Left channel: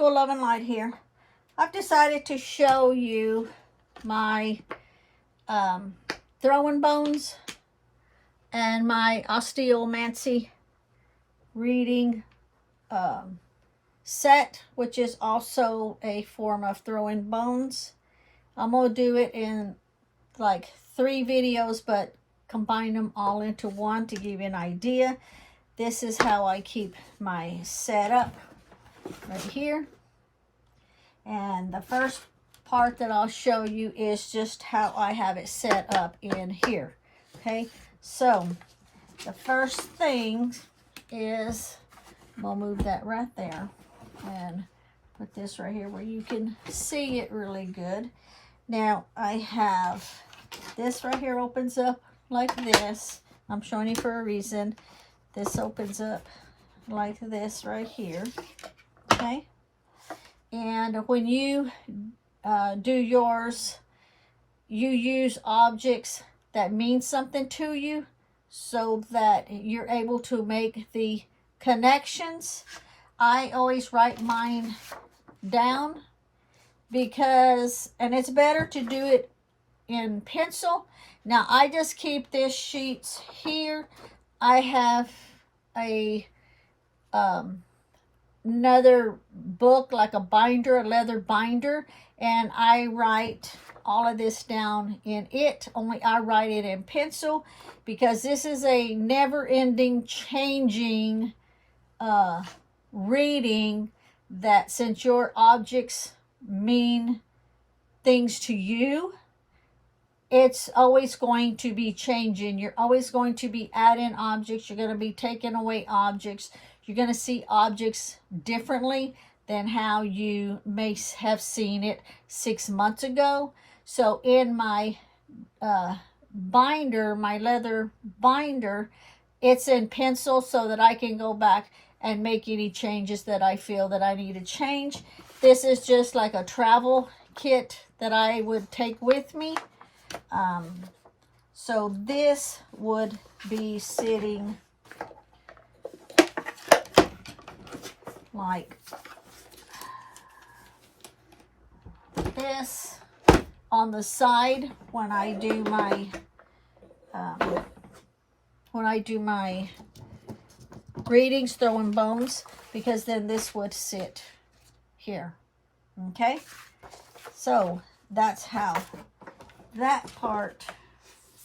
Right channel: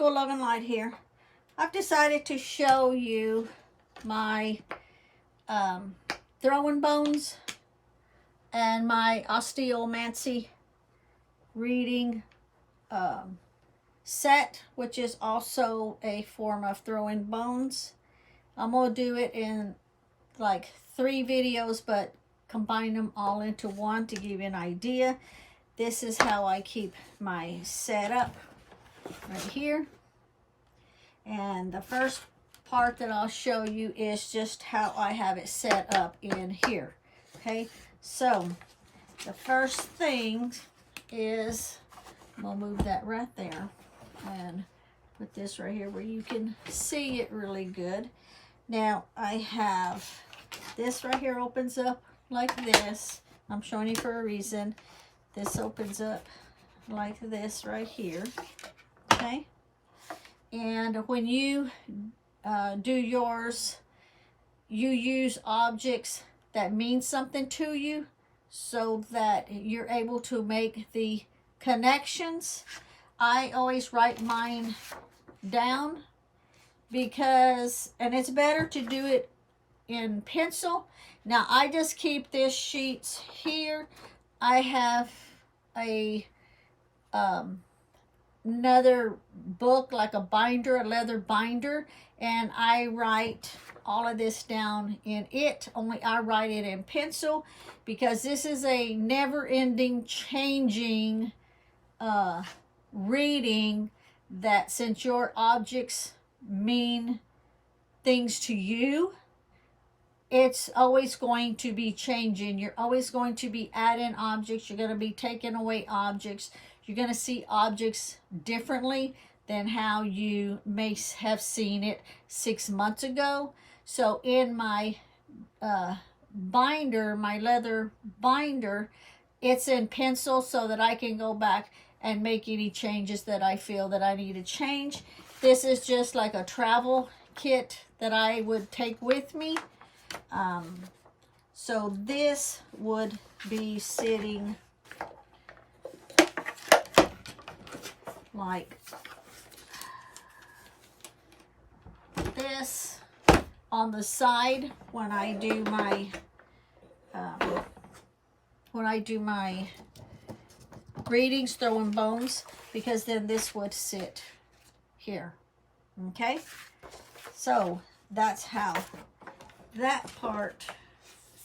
School Love and Light here. I've decided to show you my throwing bones and my Osteomancy reading set, which is also a form of throwing bones. I'm going to do it in like 3 videos, but combine them all into one to give you an idea. This is how I keep my setup right here. And the first part that I'll show you is just how I have it set up in here. Okay, so the first thing is, we'll move that right there and put this right here where you can see it really good. Now I have this right here, opens up like this. I'm showing you for a reason. This opens up like this right here. Okay, and when you do yours, you use objects that mean something to you so that you're able to make the connections. I always write mine down because, and it's better to do it in pencil. Now I just keep this sheets here. I have a another book, like a binder, a leather binder, and I write all of this down in it. Only I write it in pencil because this is a never-ending changing reading, that since your objects mean things to you, it's always going to be changing. You're always going to be adding objects. You're going to be taking away objects. You're going to see objects differently than how you may have seen it 6 months ago. So in my binder, my leather binder, it's in pencil so that I can go back and make any changes that I feel that I need to change. This is just like a travel kit that I would take with me. So this would be sitting like this on the side when I do my readings, throwing bones, because then this would sit here. Okay, so that's how that part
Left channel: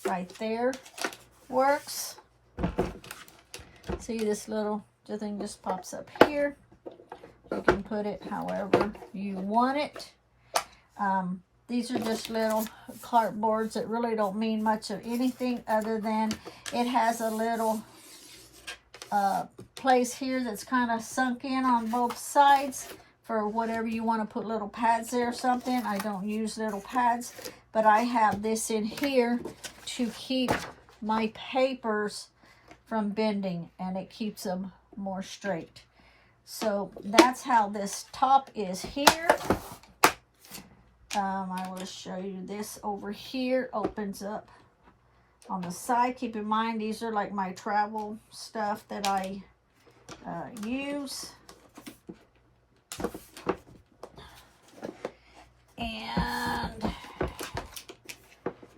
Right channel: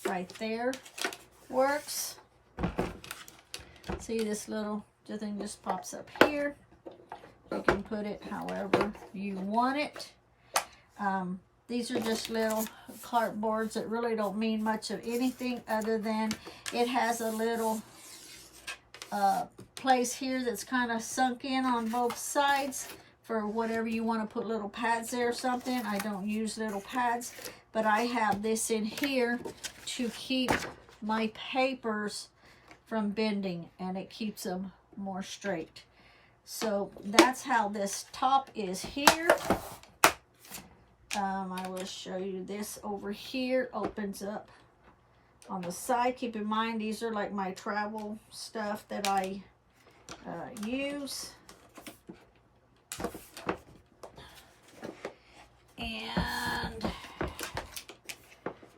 right there works. See, this little thing just pops up here. You can put it however you want it. These are just little cardboards that really don't mean much of anything other than it has a little place here that's kind of sunk in on both sides for whatever you want to put little pads there or something. I don't use little pads, but I have this in here to keep my papers from bending, and it keeps them more straight. So that's how this top is here. I will show you this over here. Opens up on the side. Keep in mind, these are like my travel stuff that I use. And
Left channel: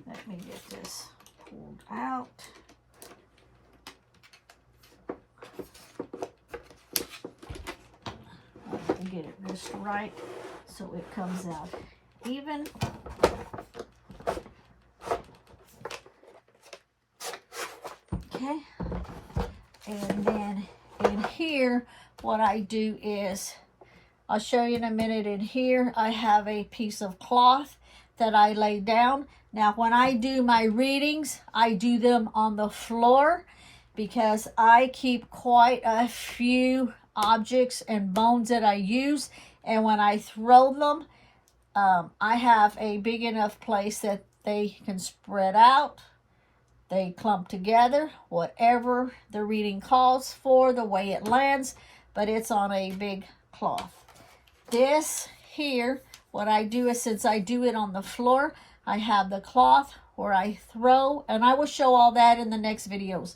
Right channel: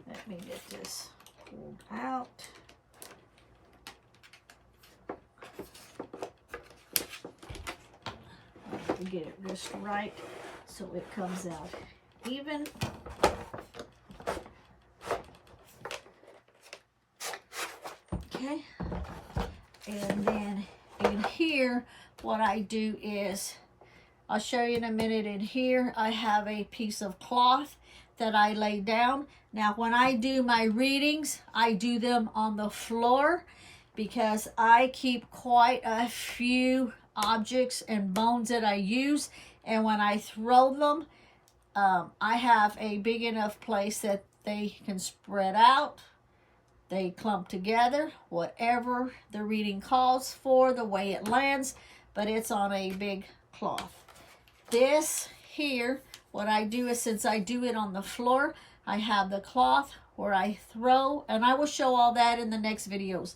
let me get this pulled out. Let me get it just right so it comes out even. Okay, and then in here, what I do is, I'll show you in a minute. In here, I have a piece of cloth that I lay down. Now, when I do my readings, I do them on the floor because I keep quite a few objects and bones that I use. And when I throw them, I have a big enough place that they can spread out. They clump together, whatever the reading calls for, the way it lands, but it's on a big cloth. This here, what I do is, since I do it on the floor, I have the cloth where I throw, and I will show all that in the next videos.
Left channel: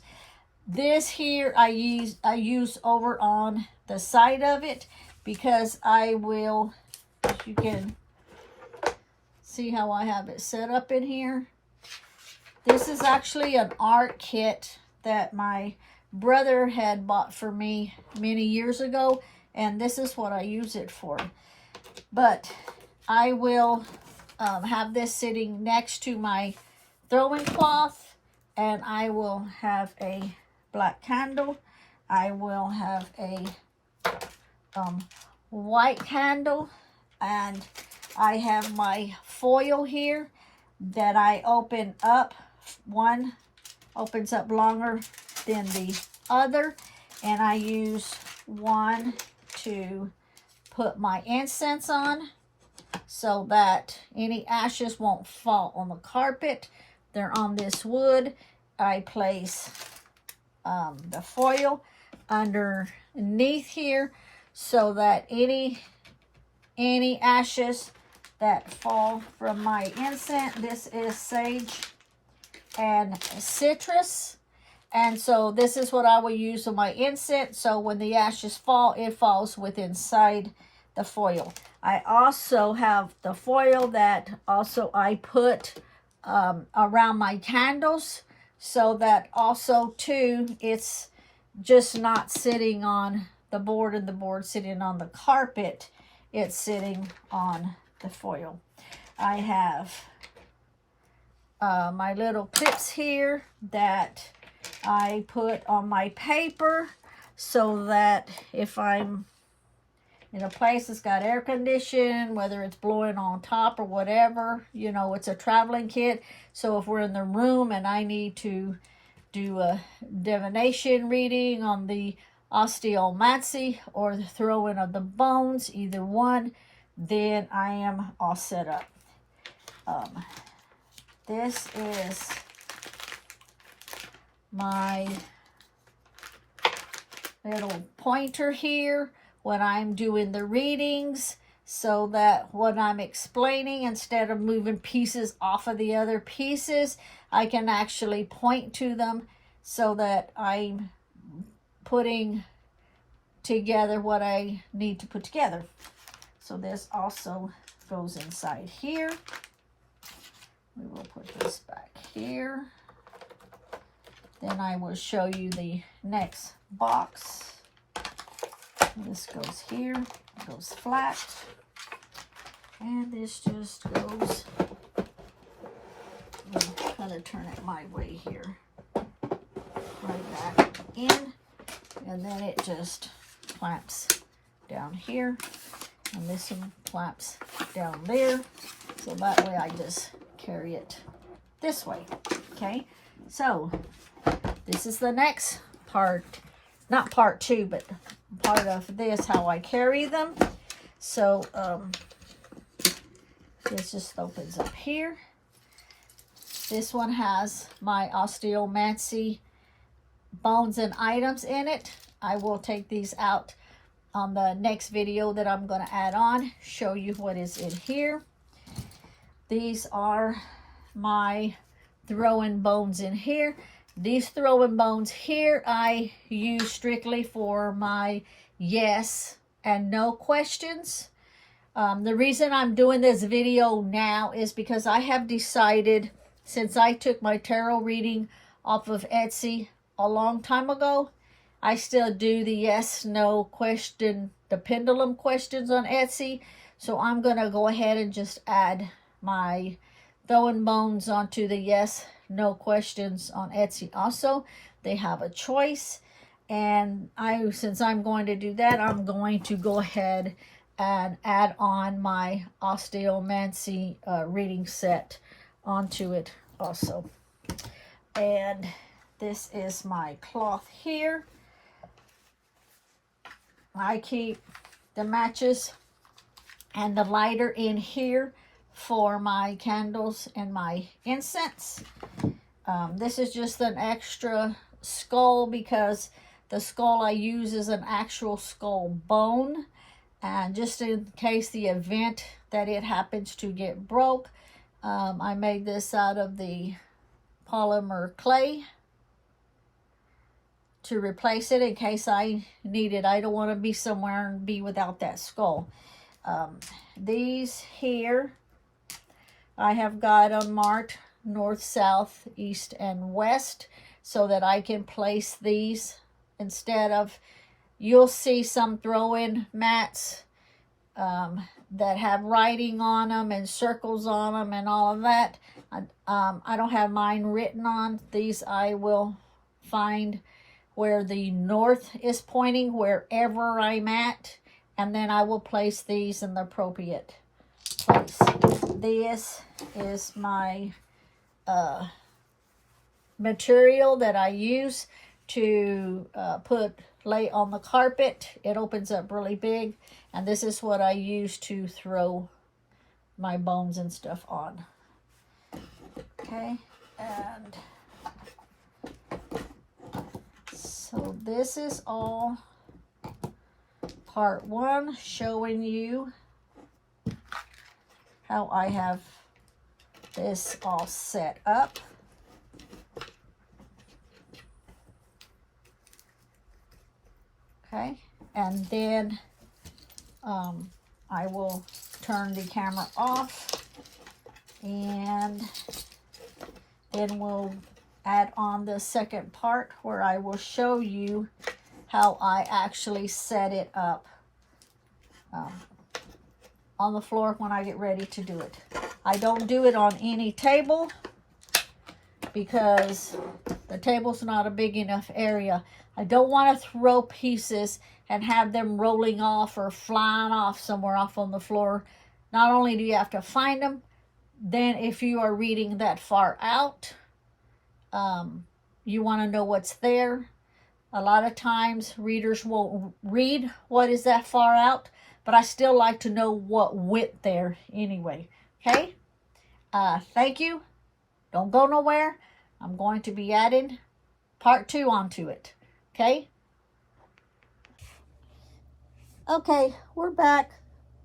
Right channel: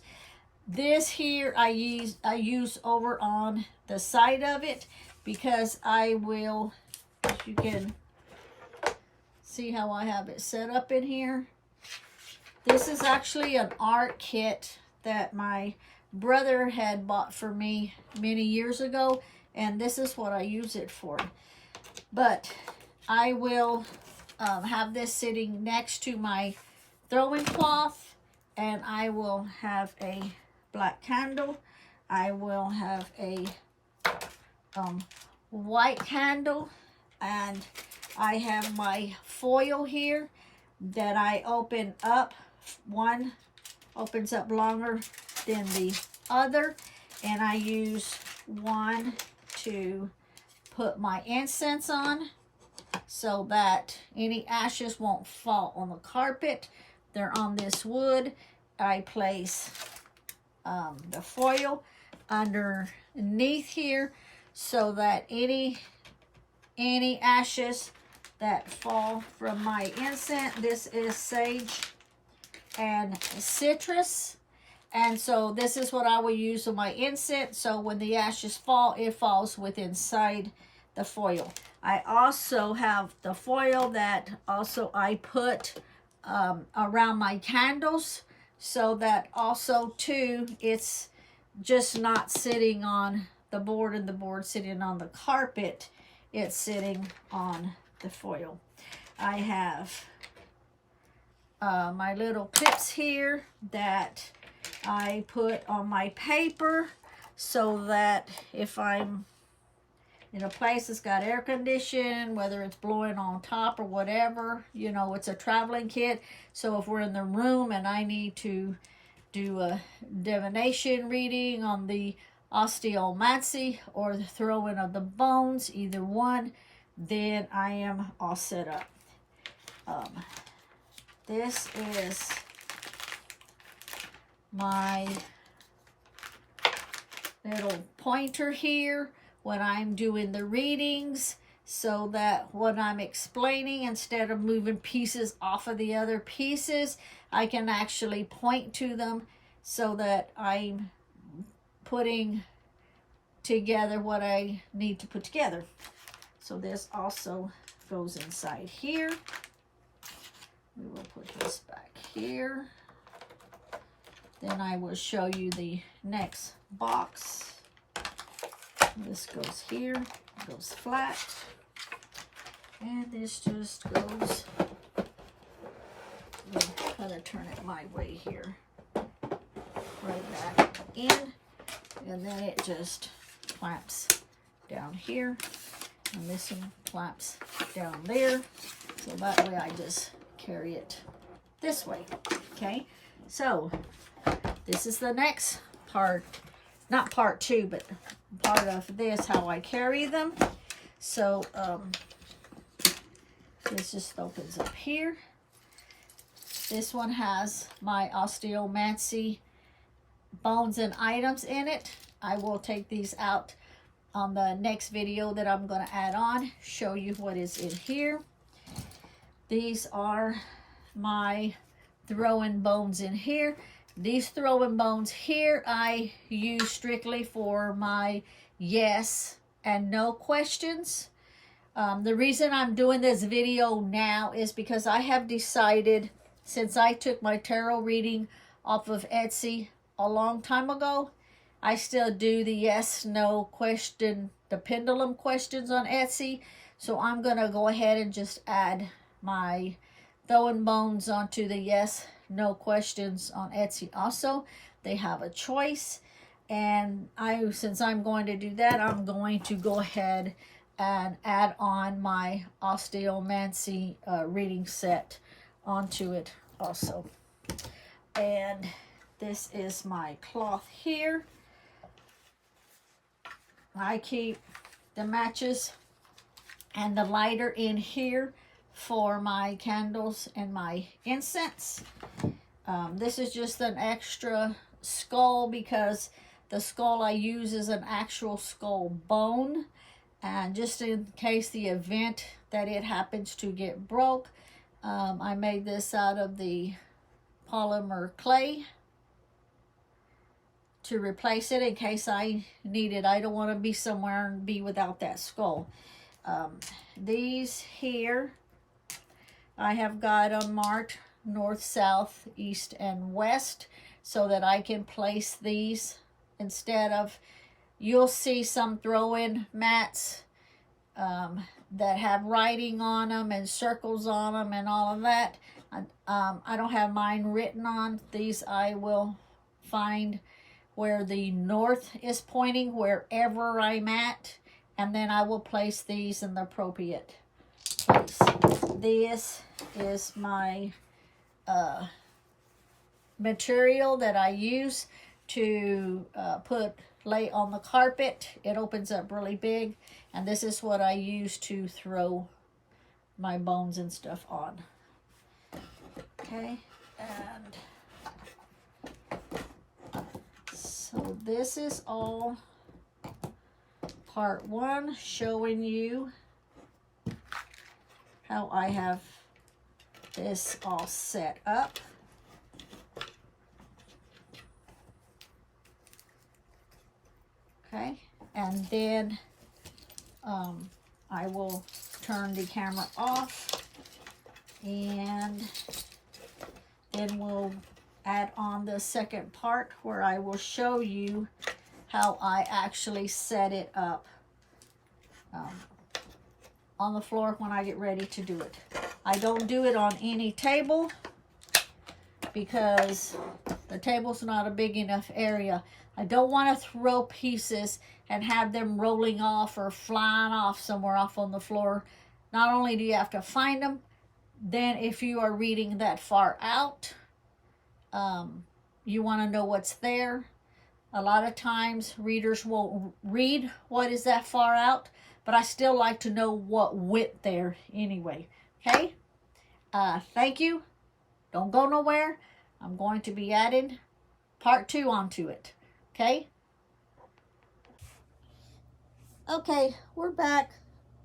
This here I use over on the side of it. because I will, you can see how I have it set up in here. This is actually an art kit that my brother had bought for me many years ago, and this is what I use it for. But I will have this sitting next to my throwing cloth, and I will have a black candle. I will have a white candle, and I have my foil here that I open up. One opens up longer than the other, and I use one to put my incense on so that any ashes won't fall on the carpet. They're on this wood. I place the foil underneath here so that any ashes that fall from my incense, this is sage and citrus, and so this is what I will use on my incense, so when the ashes fall, it falls within inside the foil. I also have the foil that also I put around my candles, so that also too, it's just not sitting on the board and the board sitting on the carpet. It's sitting on the foil. I have my little clips here that I put on my paper so that if I'm in a place that's got air conditioning, whether it's blowing on top or whatever, you know, it's a traveling kit. So if we're in the room and I need to do a divination reading on the Osteomancy or the throwing of the bones, either one, then I am all set up. This is my little pointer here when I'm doing the readings, so that when I'm explaining, instead of moving pieces off of the other pieces, I can actually point to them so that I'm putting together what I need to put together. So this also goes inside here. We will put this back here. Then I will show you the next box. This goes here, it goes flat, and this just goes, I'll try to turn it my way here, right back in, and then it just clamps down here, and this one clamps down there, so that way I just carry it this way. Okay, so this is the next part, not part two, but part of this, how I carry them. So this just opens up here. This one has my Osteomancy bones and items in it. I will take these out on the next video that I'm going to add on, show you what is in here. These are my throwing bones in here. These throwing bones here I use strictly for my yes and no questions. The reason I'm doing this video now is because I have decided, since I took my tarot reading off of Etsy a long time ago, I still do the yes, no question, the pendulum questions on Etsy. So I'm going to go ahead and just add my throwing bones onto the yes, no questions on Etsy also. They have a choice, and since I'm going to do that, I'm going to go ahead and add on my Osteomancy reading set onto it also. And this is my cloth here. I keep the matches and the lighter in here for my candles and my incense. This is just an extra skull because the skull I use is an actual skull bone, and just in case the event that it happens to get broke, I made this out of the polymer clay, to replace it in case I need it. I don't want to be somewhere and be without that skull. These here, I have got them marked north, south, east, and west so that I can place these instead of, you'll see some throw-in mats that have writing on them and circles on them and all of that. I don't have mine written on. These I will find where the north is pointing, wherever I'm at, and then I will place these in the appropriate place. This is my material that I use to lay on the carpet. It opens up really big, and this is what I use to throw my bones and stuff on. Okay, and so this is all part one, showing you how I have this all set up. Okay, and then I will turn the camera off, and then we'll add on the second part where I will show you how I actually set it up on the floor when I get ready to do it. I don't do it on any table because the table's not a big enough area. I don't want to throw pieces and have them rolling off or flying off somewhere off on the floor. Not only do you have to find them, then if you are reading that far out, you want to know what's there. A lot of times readers won't read what is that far out, but I still like to know what went there anyway. Okay? Thank you. Don't go nowhere. I'm going to be adding part 2 onto it. Okay? Okay, we're back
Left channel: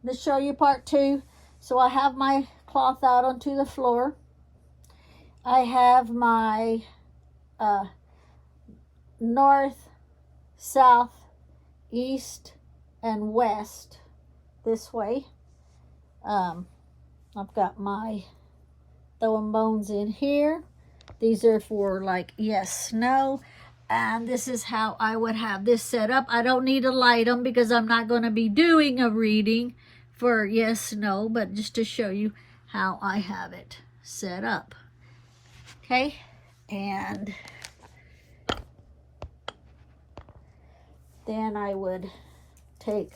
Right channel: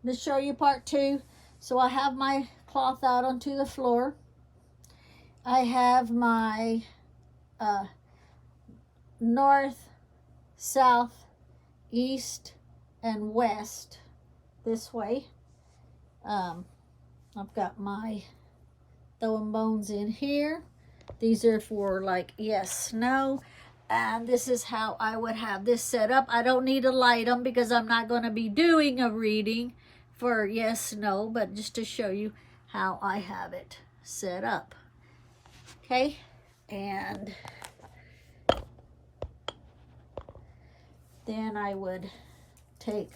to show you part 2. So I have my cloth out onto the floor. I have my north, south, east, and west this way. I've got my throwing bones in here. These are for like yes, no. And this is how I would have this set up. I don't need to light them because I'm not going to be doing a reading for yes, no, but just to show you how I have it set up. Okay, and then I would take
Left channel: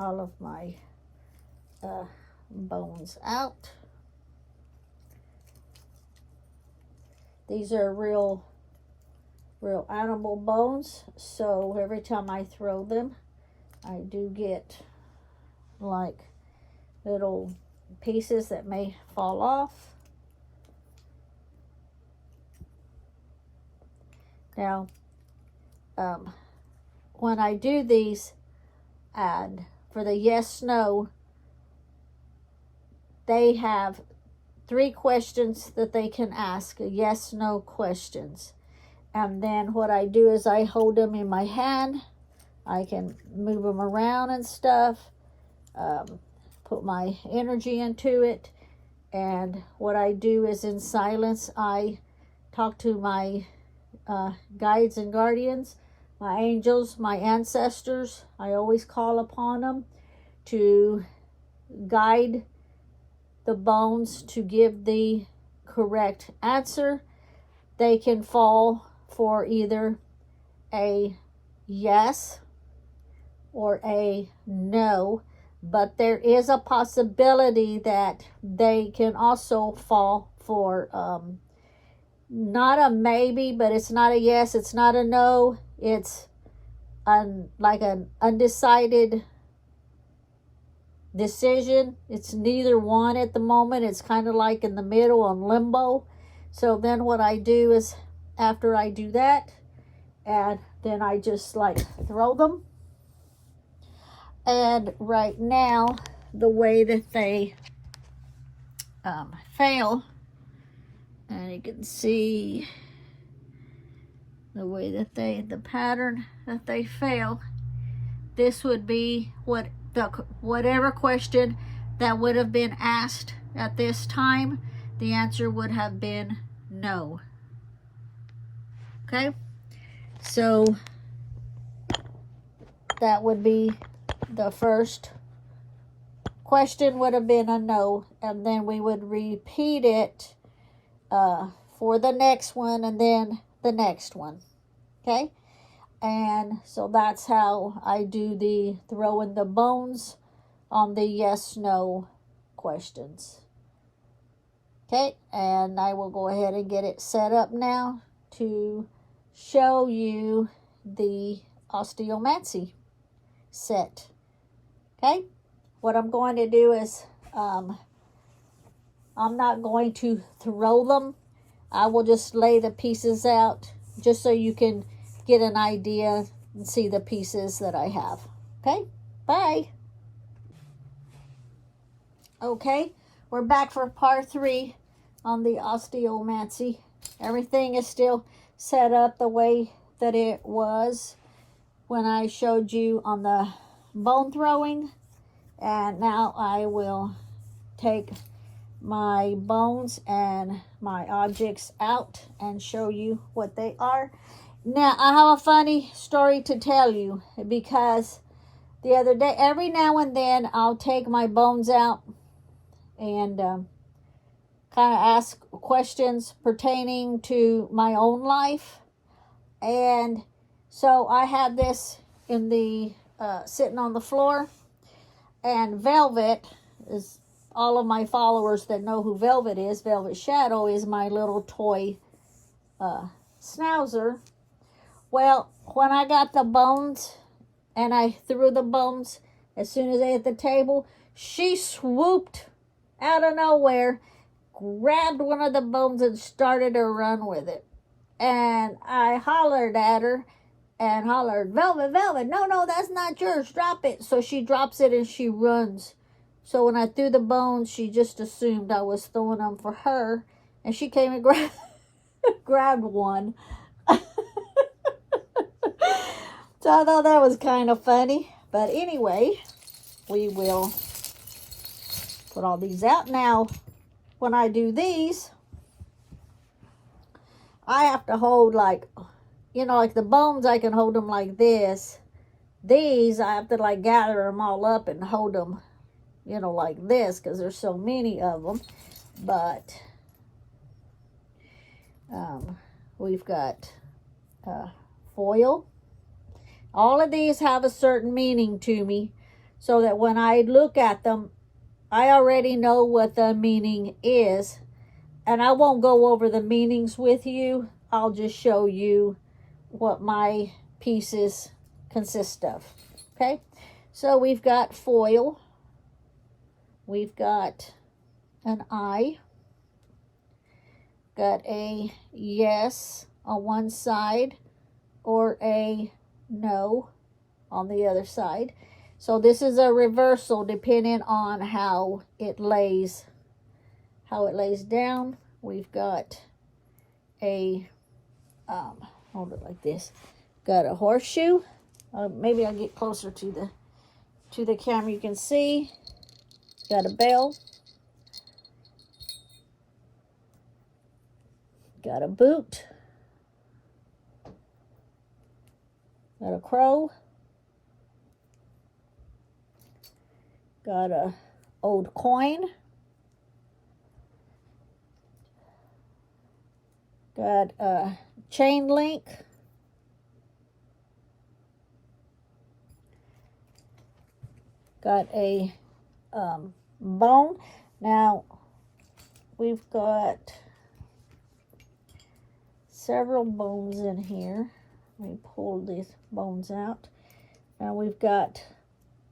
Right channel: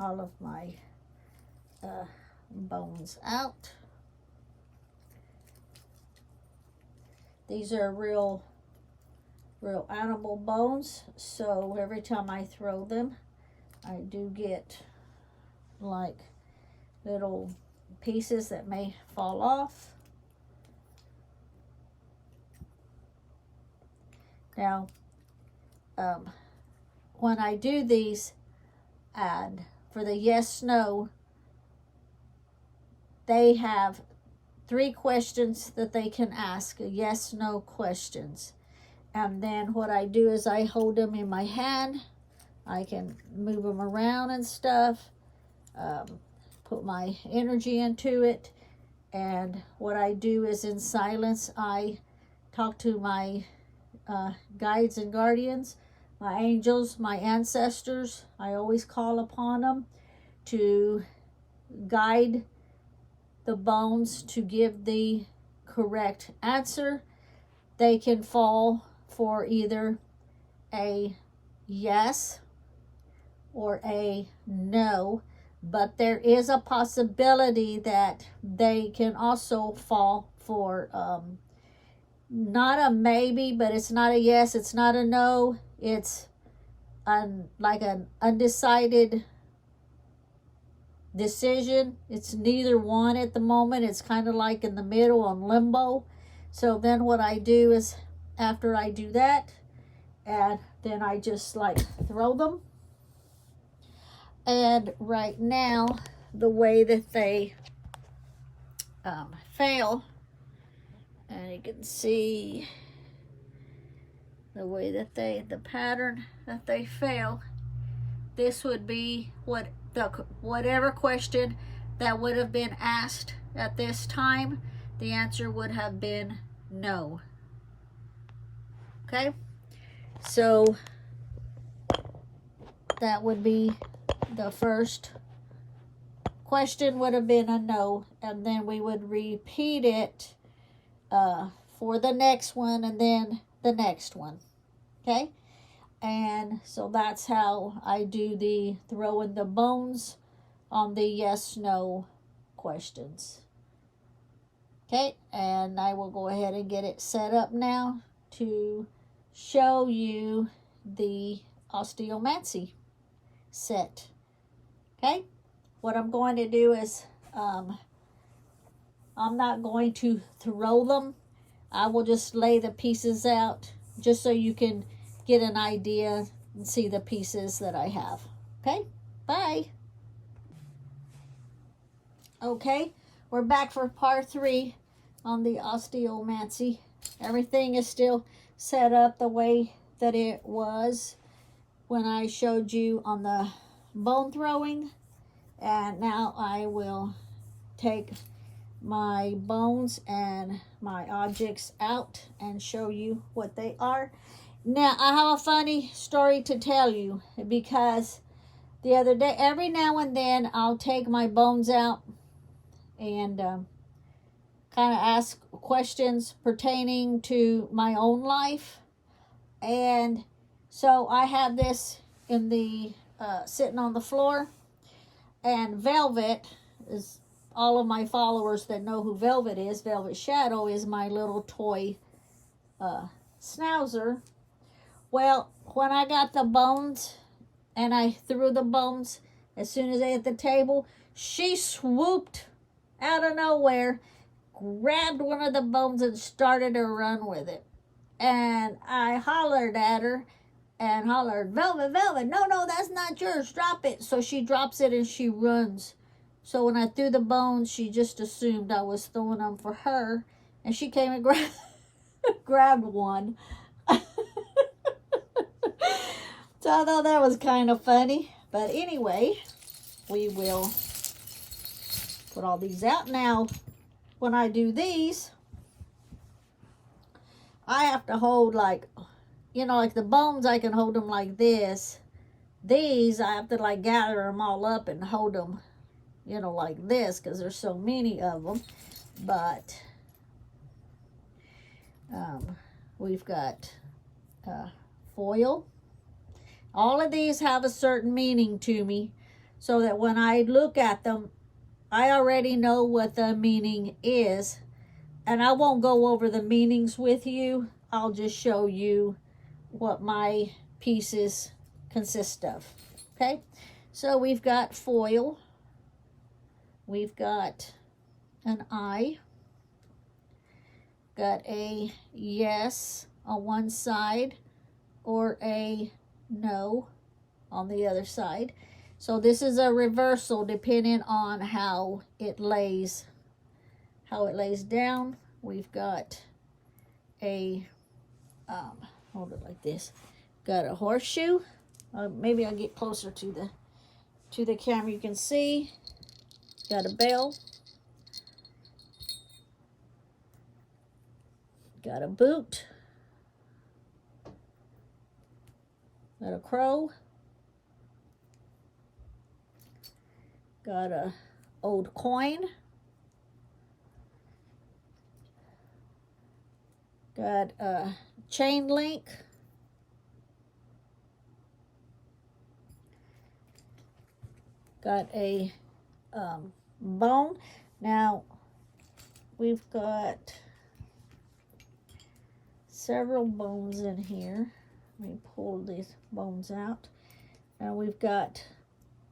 all of my bones out. These are real animal bones, so every time I throw them, I do get like little pieces that may fall off. Now, when I do these, and for the yes, no, they have 3 questions that they can ask, yes, no questions. And then what I do is I hold them in my hand. I can move them around and stuff, put my energy into it. And what I do is in silence, I talk to my guides and guardians, my angels, my ancestors. I always call upon them to guide the bones to give the correct answer. They can fall for either a yes or a no, but there is a possibility that they can also fall for not a maybe, but it's not a yes, it's not a no, it's like an undecided decision. It's neither one at the moment. It's kind of like in the middle on limbo. So then what I do is after I do that, and then I just like throw them. And right now, the way that they fail, and you can see the way that the pattern that they fell, this would be whatever question that would have been asked at this time, the answer would have been no. Okay, so that would be the first question would have been a no, and then we would repeat it for the next one and then the next one. Okay, and so that's how I do the throwing the bones on the yes no questions. Okay, and I will go ahead and get it set up now to show you the Osteomancy set. Okay, what I'm going to do is I'm not going to throw them. I will just lay the pieces out just so you can get an idea and see the pieces that I have. Okay, bye. Okay, we're back for part 3 on the Osteomancy. Everything is still set up the way that it was when I showed you on the bone throwing. And now I will take my bones and my objects out and show you what they are. Now, I have a funny story to tell you, because the other day, every now and then, I'll take my bones out and kind of ask questions pertaining to my own life. And so I had this in the sitting on the floor, and Velvet is, all of my followers that know who Velvet is, Velvet Shadow is my little toy schnauzer. Well, when I got the bones and I threw the bones, as soon as I hit the table, she swooped out of nowhere, grabbed one of the bones and started to run with it. And I hollered at her and hollered, Velvet, Velvet, no, that's not yours, drop it. So she drops it and she runs. So when I threw the bones, she just assumed I was throwing them for her, and she came and grabbed one. So I thought that was kind of funny. But anyway, we will put all these out. Now, when I do these, I have to hold like, you know, like the bones, I can hold them like this. These, I have to like gather them all up and hold them, you know, like this, because there's so many of them. But we've got foil. All of these have a certain meaning to me, so that when I look at them, I already know what the meaning is. And I won't go over the meanings with you. I'll just show you what my pieces consist of. Okay, so we've got foil. We've got an I. Got a yes on one side or a no on the other side. So this is a reversal depending on how it lays down. We've got a hold it like this. Got a horseshoe. Maybe I'll get closer to the camera. You can see. Got a bell. Got a boot. Got a crow. Got a old coin. Got a chain link. Got a bone. Now we've got several bones in here. Let me pull these bones out. Now we've got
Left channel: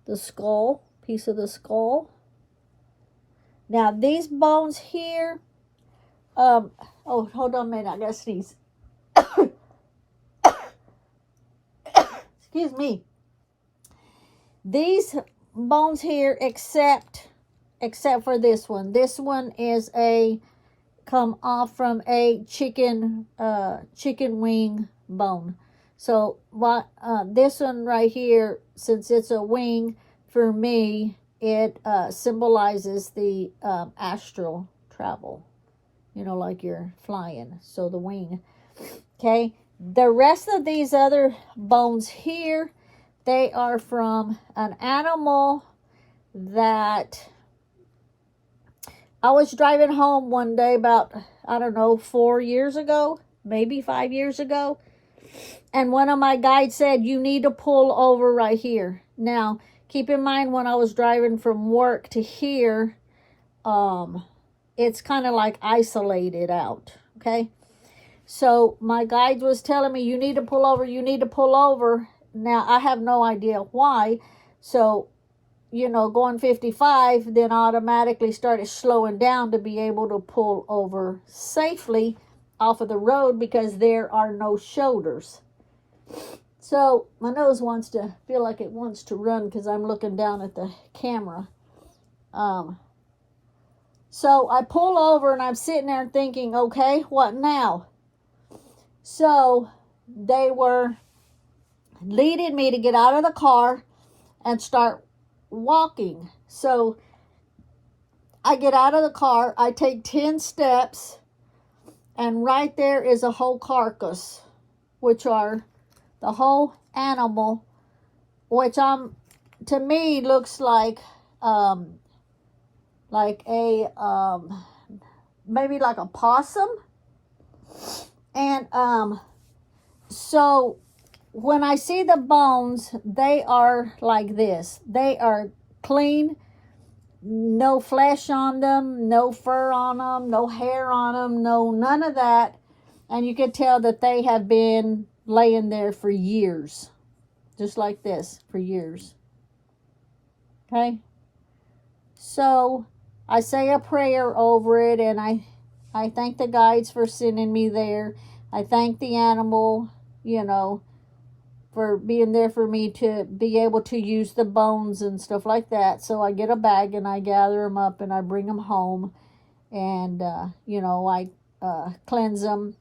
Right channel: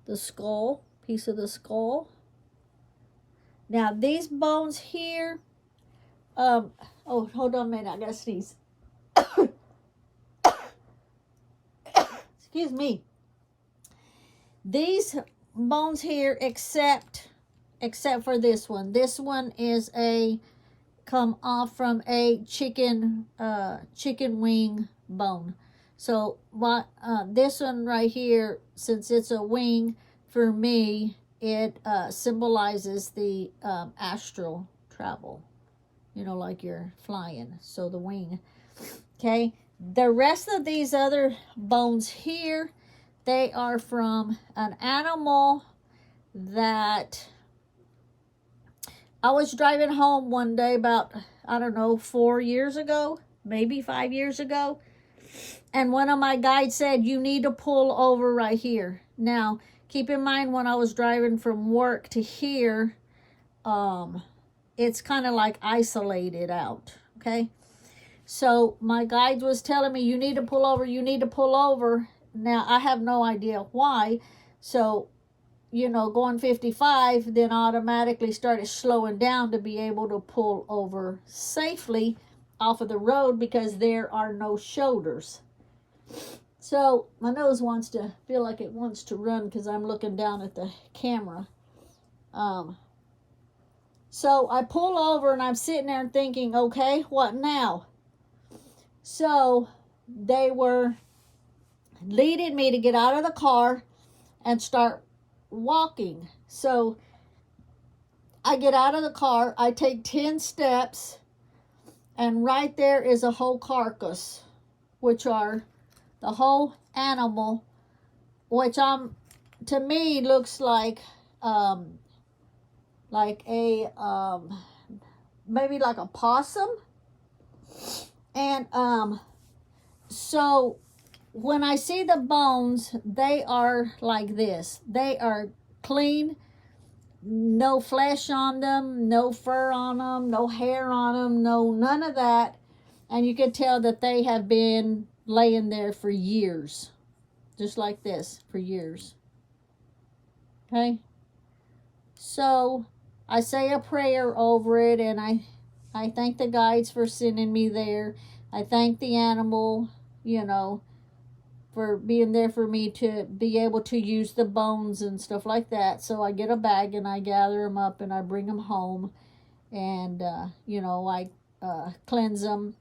the skull, piece of the skull. Now these bones here, oh, hold on a minute, I gotta sneeze. Excuse me. These bones here, except for this one. This one is a come off from a chicken wing bone. So what this one right here, since it's a wing, for me, it symbolizes the astral travel. You know, like you're flying. So the wing. Okay. The rest of these other bones here, they are from an animal that I was driving home one day about, I don't know, 4 years ago, maybe 5 years ago. And one of my guides said, you need to pull over right here. Now, keep in mind, when I was driving from work to here, it's kind of like isolated out, okay? So my guide was telling me, you need to pull over, you need to pull over. Now, I have no idea why. So, you know, going 55, then automatically started slowing down to be able to pull over safely off of the road because there are no shoulders. So my nose wants to feel like it wants to run because I'm looking down at the camera. So I pull over and I'm sitting there thinking, okay, what now? So they were leading me to get out of the car and start walking. So I get out of the car, I take 10 steps, and right there is a whole carcass, which are the whole animal, which to me looks like a maybe like a possum. And so when I see the bones, they are like this. They are clean, no flesh on them, no fur on them, no hair on them, no none of that. And you can tell that they have been laying there for years, just like this, for years. Okay? So I say a prayer over it, and I thank the guides for sending me there. I thank the animal, you know, for being there for me to be able to use the bones and stuff like that. So I get a bag and I gather them up and I bring them home, and you know, I cleanse them,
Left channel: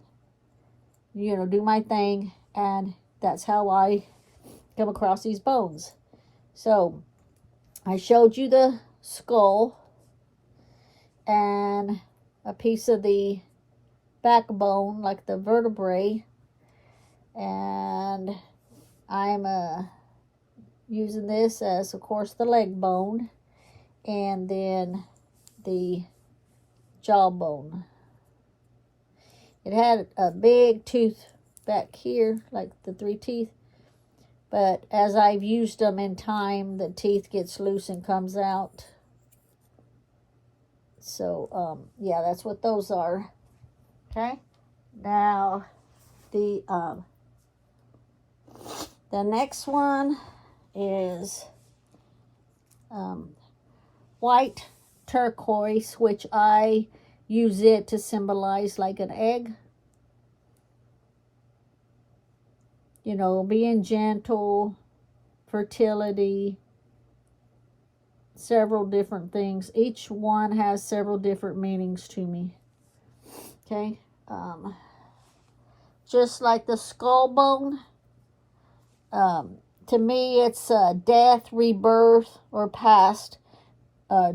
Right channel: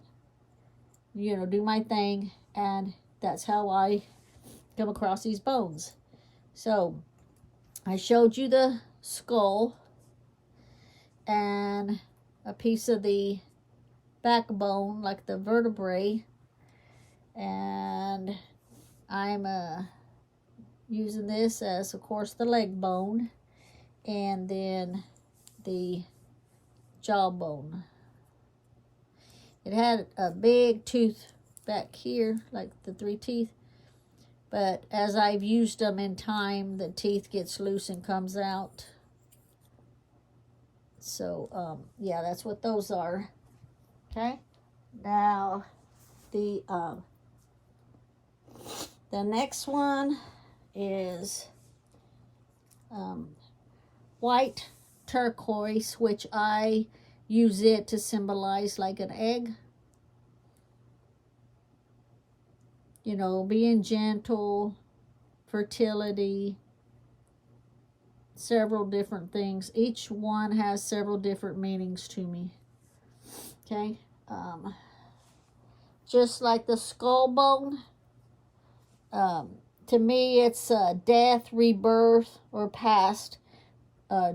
you know, do my thing, and that's how I come across these bones. So I showed you the skull and a piece of the backbone, like the vertebrae, and I'm using this as, of course, the leg bone, and then the jawbone. It had a big tooth back here, like the 3 teeth, but as I've used them in time, the teeth gets loose and comes out. So, yeah, that's what those are. Okay? Now, the next one is white turquoise, which I use it to symbolize like an egg. You know, being gentle, fertility, several different things. Each one has several different meanings to me. Okay? Just like the skull bone, to me it's death, rebirth, or past,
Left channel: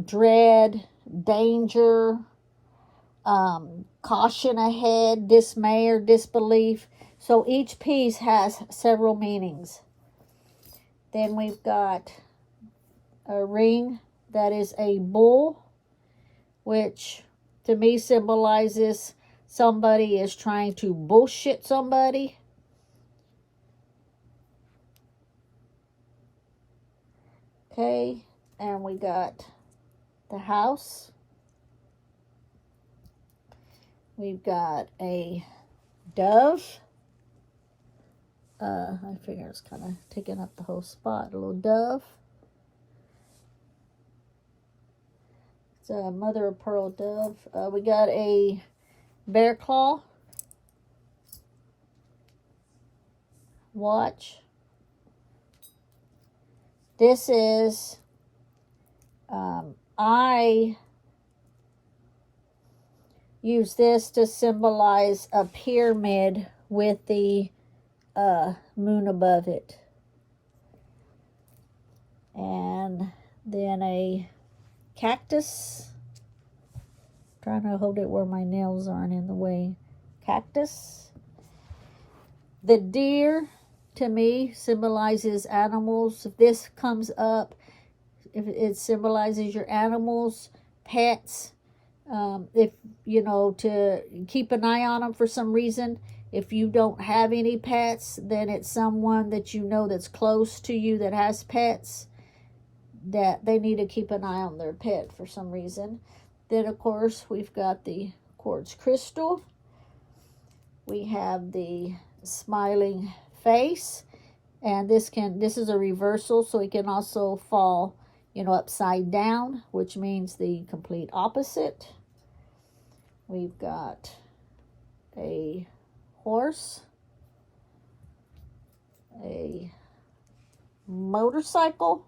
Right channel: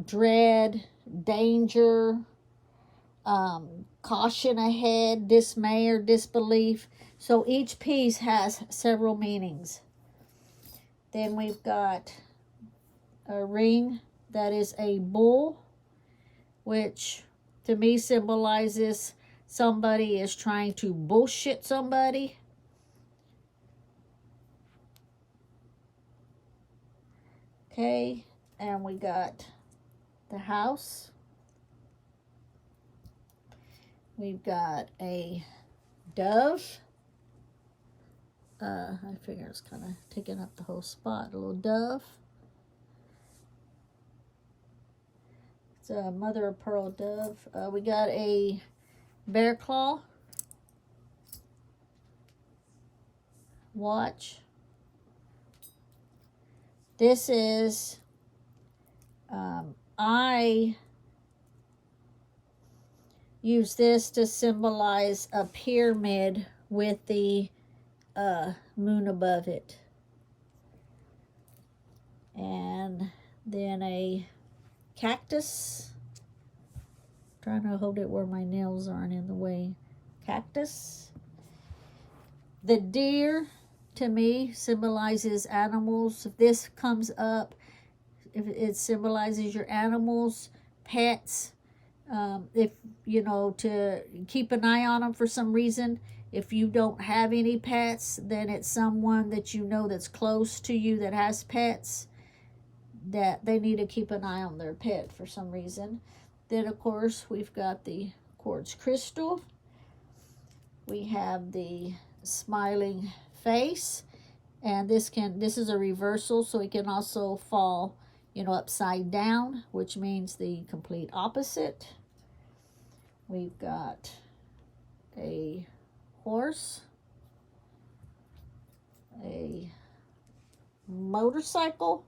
dread, danger, caution ahead, dismay or disbelief. So each piece has several meanings. Then we've got a ring that is a bull, which to me symbolizes somebody is trying to bullshit somebody. Okay, and we got the house. We've got a dove. I figure it's kind of taking up the whole spot. A little dove. It's a mother of pearl dove. We got a bear claw. Watch. This is, I use this to symbolize a pyramid with the moon above it. And then a cactus. Trying to hold it where my nails aren't in the way. Cactus. The deer, to me, symbolizes animals. If this comes up, if it symbolizes your animals, pets. If, you know, to keep an eye on them for some reason. If you don't have any pets, then it's someone that you know that's close to you that has pets, that they need to keep an eye on their pet for some reason. Then, of course, we've got the quartz crystal. We have the smiling face. And this is a reversal, so it can also fall, you know, upside down, which means the complete opposite. We've got a horse, a motorcycle,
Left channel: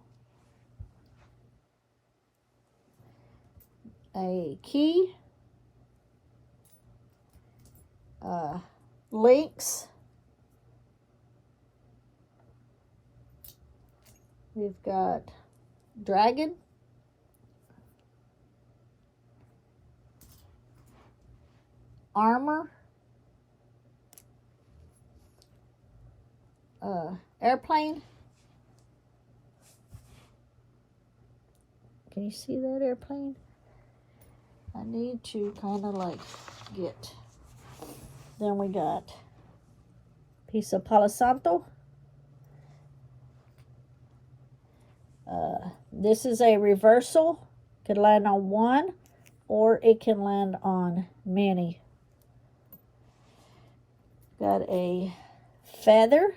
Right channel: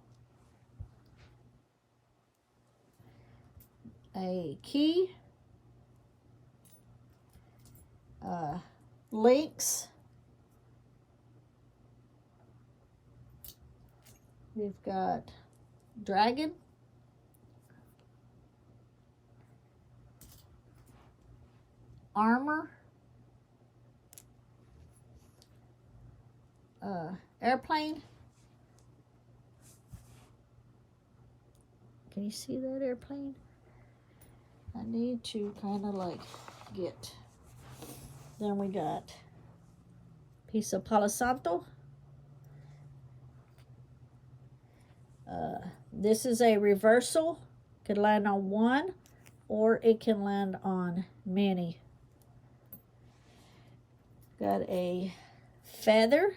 a key, lynx. We've got dragon, armor, airplane. Can you see that airplane? I need to kind of like get. Then we got piece of Palo Santo. This is a reversal. Could land on one, or it can land on many. Got a feather,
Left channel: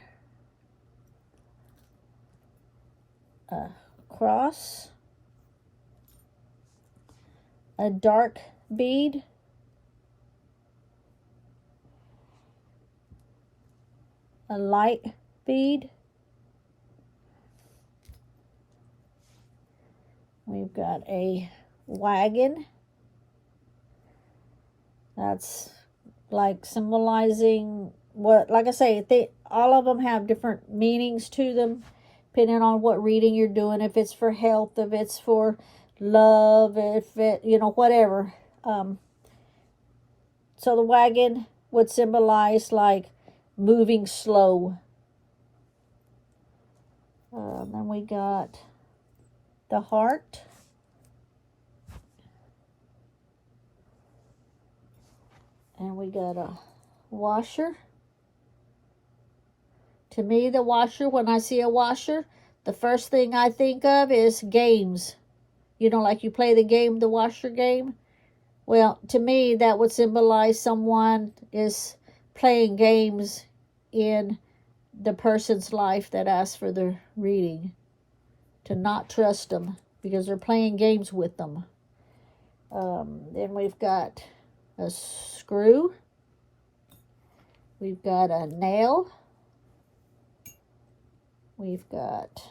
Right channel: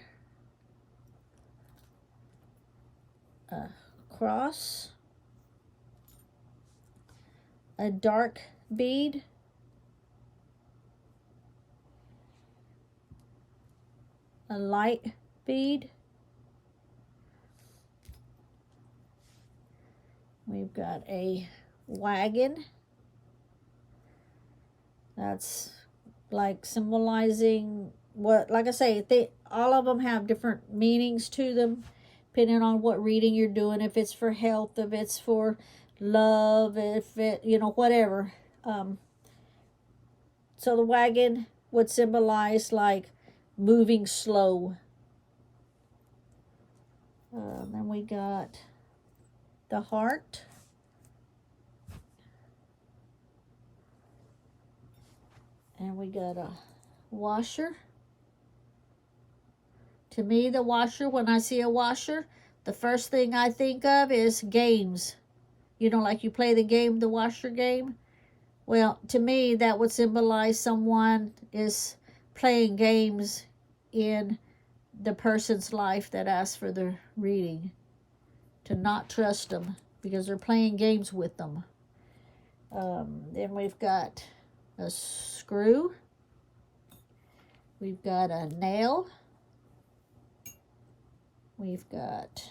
a cross, a dark bead, a light bead. We've got a wagon. That's like symbolizing what, like I say, all of them have different meanings to them, depending on what reading you're doing, if it's for health, if it's for love, if it, you know, whatever. So the wagon would symbolize like moving slow. Then we got the heart. And we got a washer. To me, the washer, when I see a washer, the first thing I think of is games. You know, like you play the game, the washer game. Well, to me, that would symbolize someone is playing games in the person's life that asks for the reading. To not trust them because they're playing games with them. Then we've got a screw. We've got a nail. We've got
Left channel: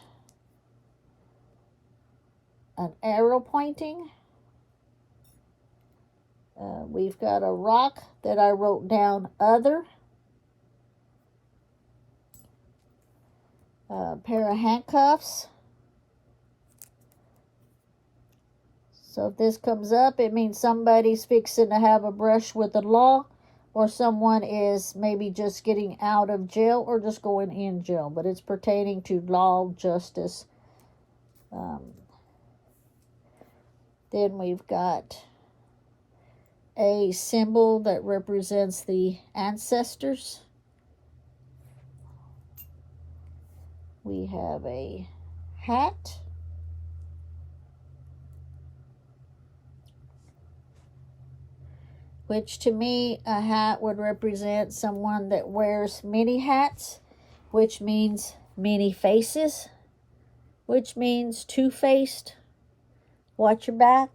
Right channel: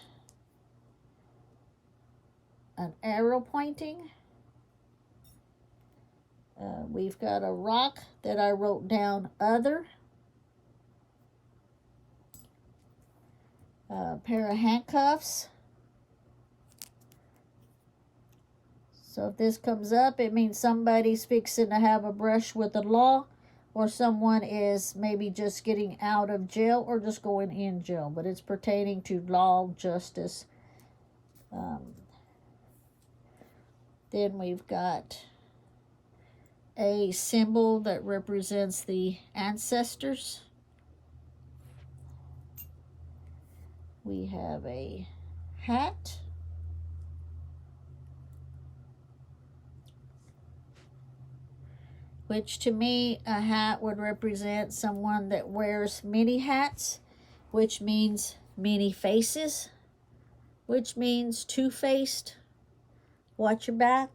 an arrow pointing. We've got a rock that I wrote down other. A pair of handcuffs. So if this comes up, it means somebody's fixing to have a brush with the law, or someone is maybe just getting out of jail or just going in jail, but it's pertaining to law, justice. Then we've got a symbol that represents the ancestors. We have a hat. Which to me, a hat would represent someone that wears many hats, which means many faces, which means two-faced, watch your back,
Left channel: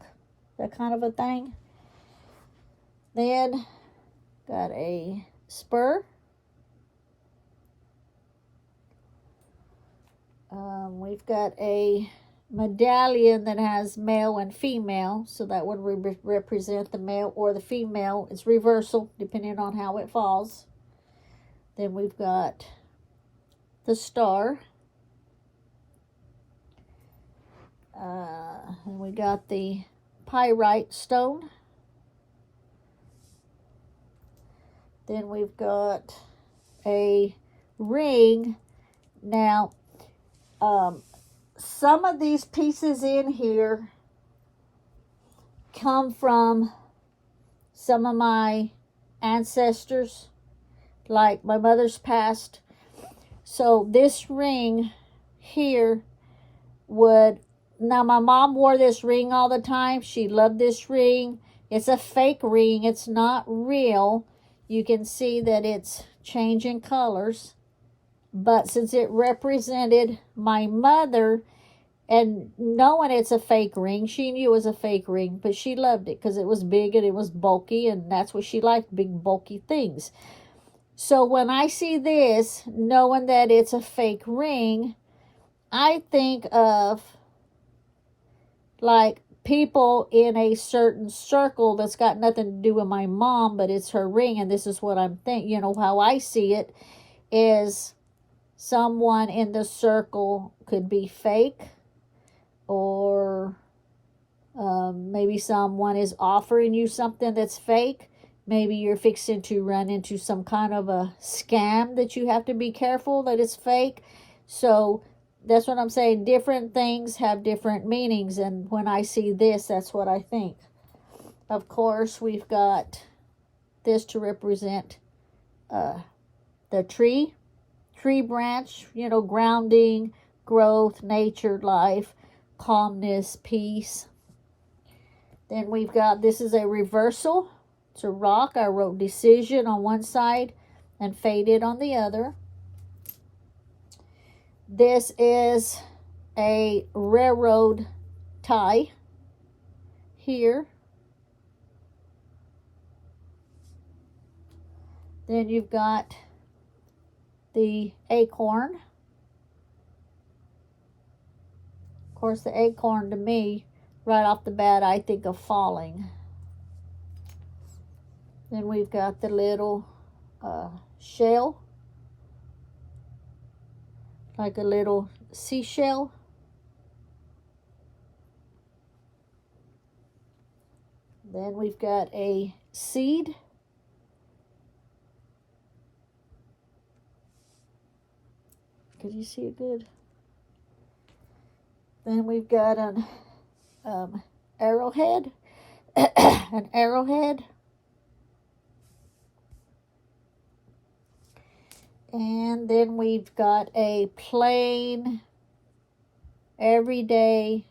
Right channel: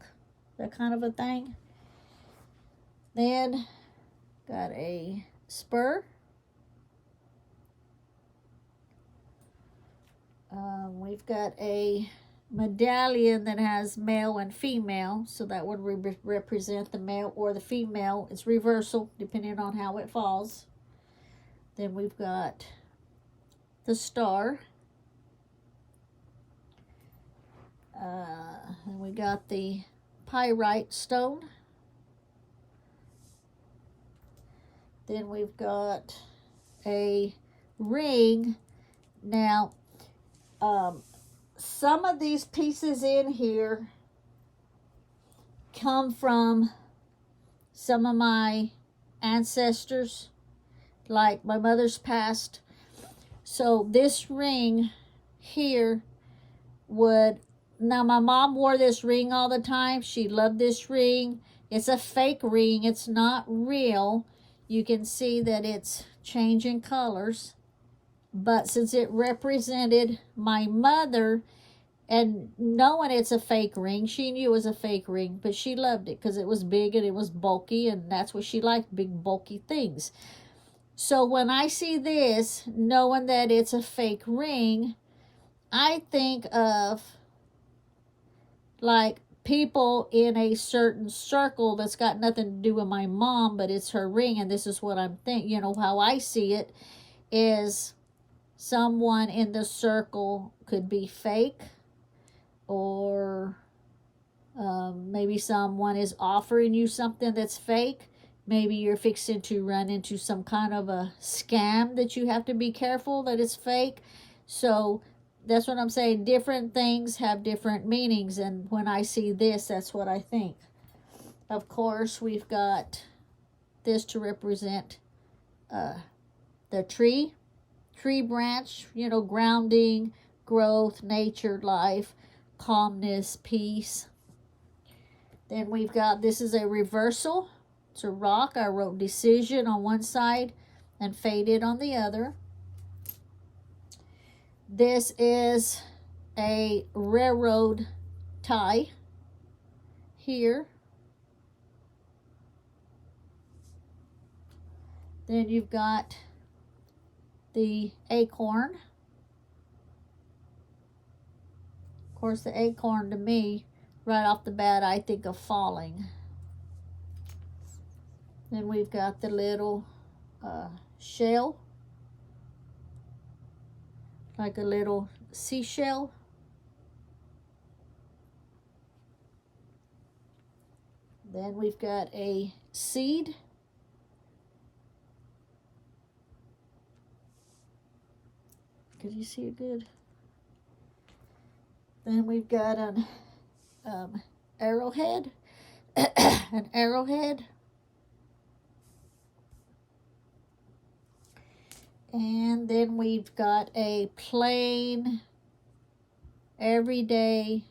that kind of a thing. Then, got a spur. We've got a medallion that has male and female, so that would represent the male or the female. It's reversal depending on how it falls. Then we've got the star, and we got the pyrite stone. Then we've got a ring. Now, some of these pieces in here come from some of my ancestors, like my mother's passed. So this ring here now my mom wore this ring all the time. She loved this ring. It's a fake ring. It's not real. You can see that it's changing colors. But since it represented my mother, and knowing it's a fake ring, she knew it was a fake ring, but she loved it because it was big and it was bulky, and that's what she liked, big bulky things. So when I see this, knowing that it's a fake ring, I think of like people in a certain circle that's got nothing to do with my mom, but it's her ring, and this is what I'm thinking. You know, how I see it is someone in the circle could be fake, or maybe someone is offering you something that's fake. Maybe you're fixing to run into some kind of a scam that you have to be careful that it's fake. So that's what I'm saying. Different things have different meanings, and when I see this, that's what I think. Of course, we've got this to represent the tree branch, you know, grounding, growth, nature, life, calmness, peace. Then we've got, this is a reversal. It's a rock. I wrote decision on one side and faded on the other. This is a railroad tie here. Then you've got the acorn. Of course, the acorn to me, right off the bat, I think of falling. Then we've got the little shell, like a little seashell. Then we've got a seed. Can you see it good? Then we've got an arrowhead, an arrowhead. And then we've got a plain, everyday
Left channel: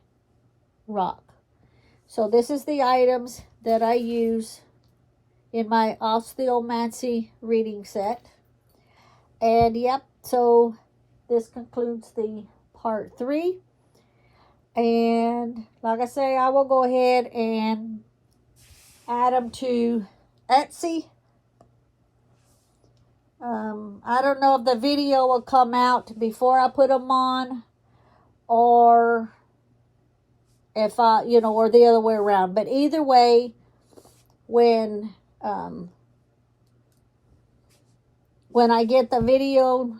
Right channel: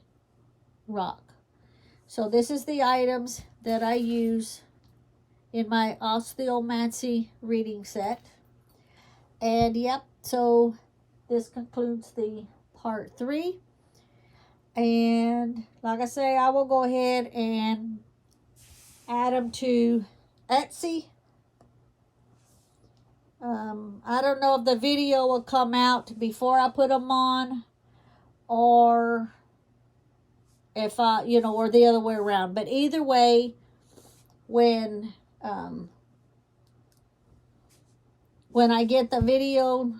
rock. So this is the items that I use in my Osteomancy reading set. And yep, so this concludes the part 3. And like I say, I will go ahead and add them to Etsy. I don't know if the video will come out before I put them on, or if I, you know, or the other way around. But either way, when I get the video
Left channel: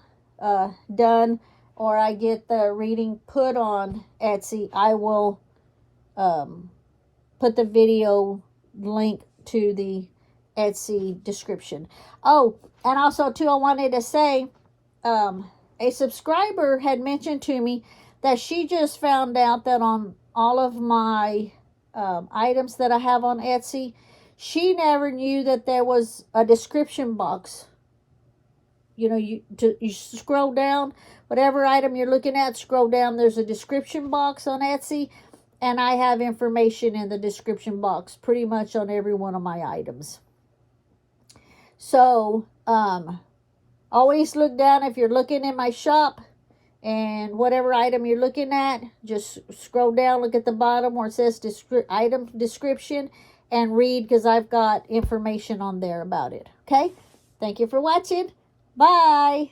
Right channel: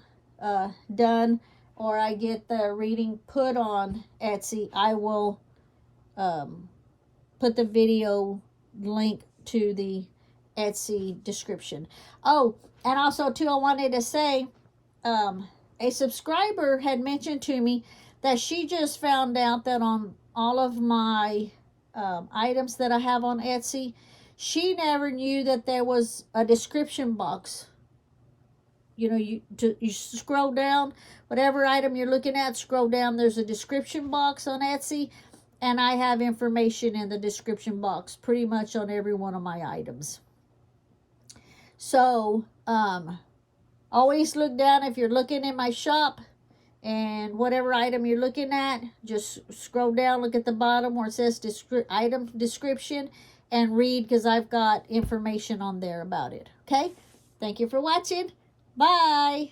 done, or I get the reading put on Etsy, I will put the video link to the Etsy description. Oh, and also too, I wanted to say, a subscriber had mentioned to me that she just found out that on all of my items that I have on Etsy, she never knew that there was a description box. You know, you scroll down, whatever item you're looking at, scroll down, there's a description box on Etsy, and I have information in the description box pretty much on every one of my items. So, always look down if you're looking in my shop, and whatever item you're looking at, just scroll down, look at the bottom where it says item description, and read, because I've got information on there about it. Okay? Thank you for watching. Bye.